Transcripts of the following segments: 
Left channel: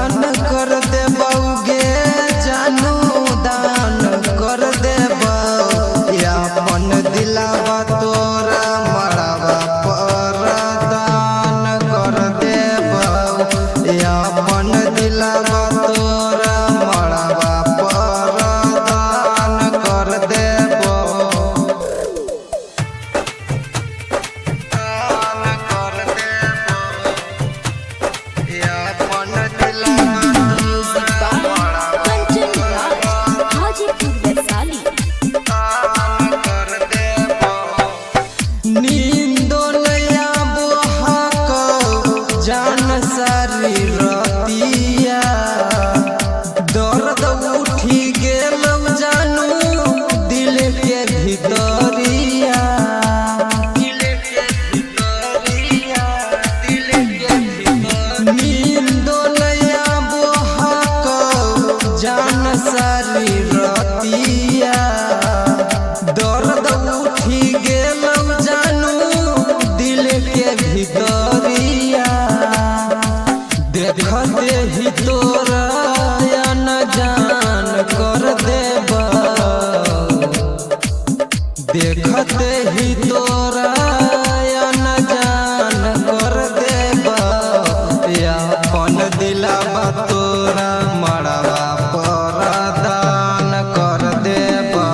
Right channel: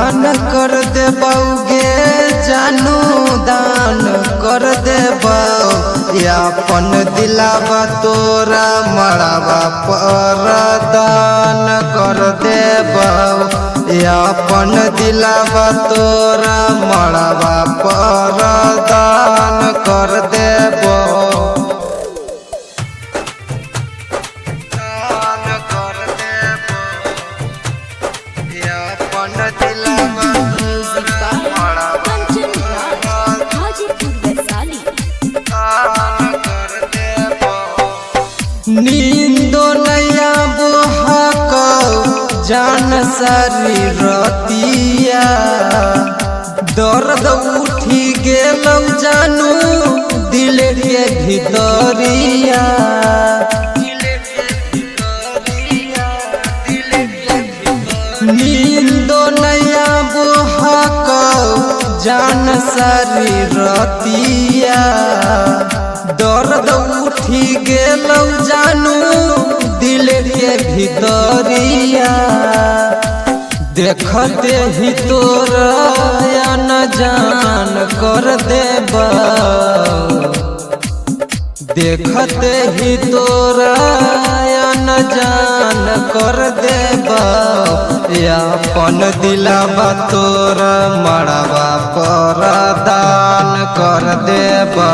दान कर देबौ गे जानू दान कर देबौ अपन दिलावा तोरा मड़ावा पर दान कर देबौ अपन दिलावा तोरा मड़ावा पर दान कर देबौ म्यूजिक बाय कंचन राज हाजीपुर वैशाली। नींदो नया बोहाको जान सारी रतिया दर्द उठी गेलौ जानू दिल के भितरिया नींदो नया बोहाको जान सारी रतिया दर्द उठी गेलौ जानू दिल के भितरिया देखते ही तोरा न जान कर देबौ देखते ही तोरा न जान कर देबौ अपन दिलावा तोरा मड़ावा पर दान कर देबौ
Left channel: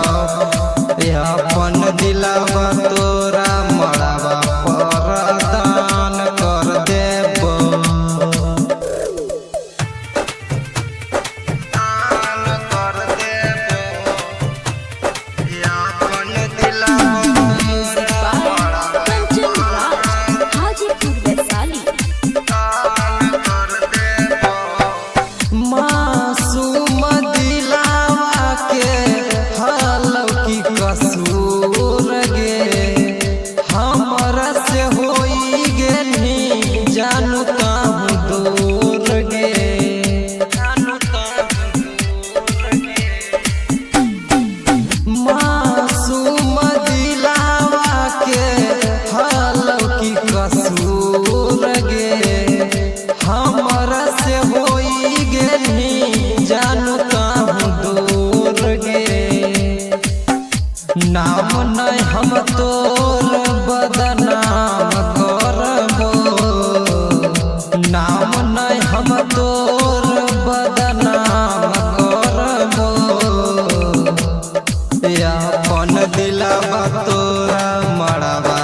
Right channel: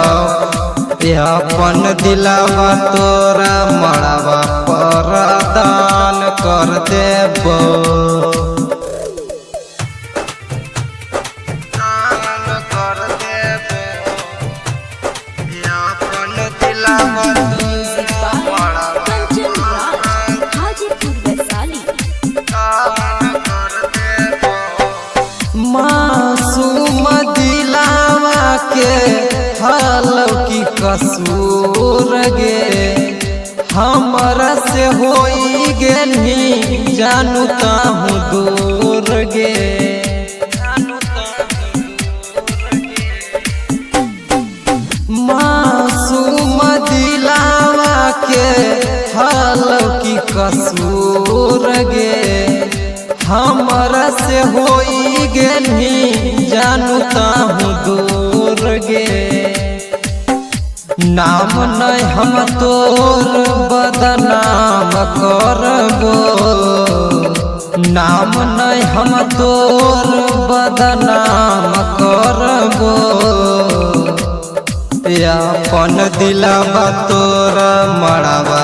अपन दिलावा तोरा मड़ावा पर दान कर देबौ म्यूजिक बाय कंचन राज हाजीपुर वैशाली। मासूम दिलावा के हाल की कसूर गे हमरा से होई गेनी जानू कहूँ दूर गे मासूम दिलावा के हाल की कसूर गे हमरा से होई गेनी जानू कहूँ दूर गे नाम नहीं हम तोर बदनाम करबो नाम नहीं हम तोर बदनाम करबो अपन दिलावा तोरा मड़ावा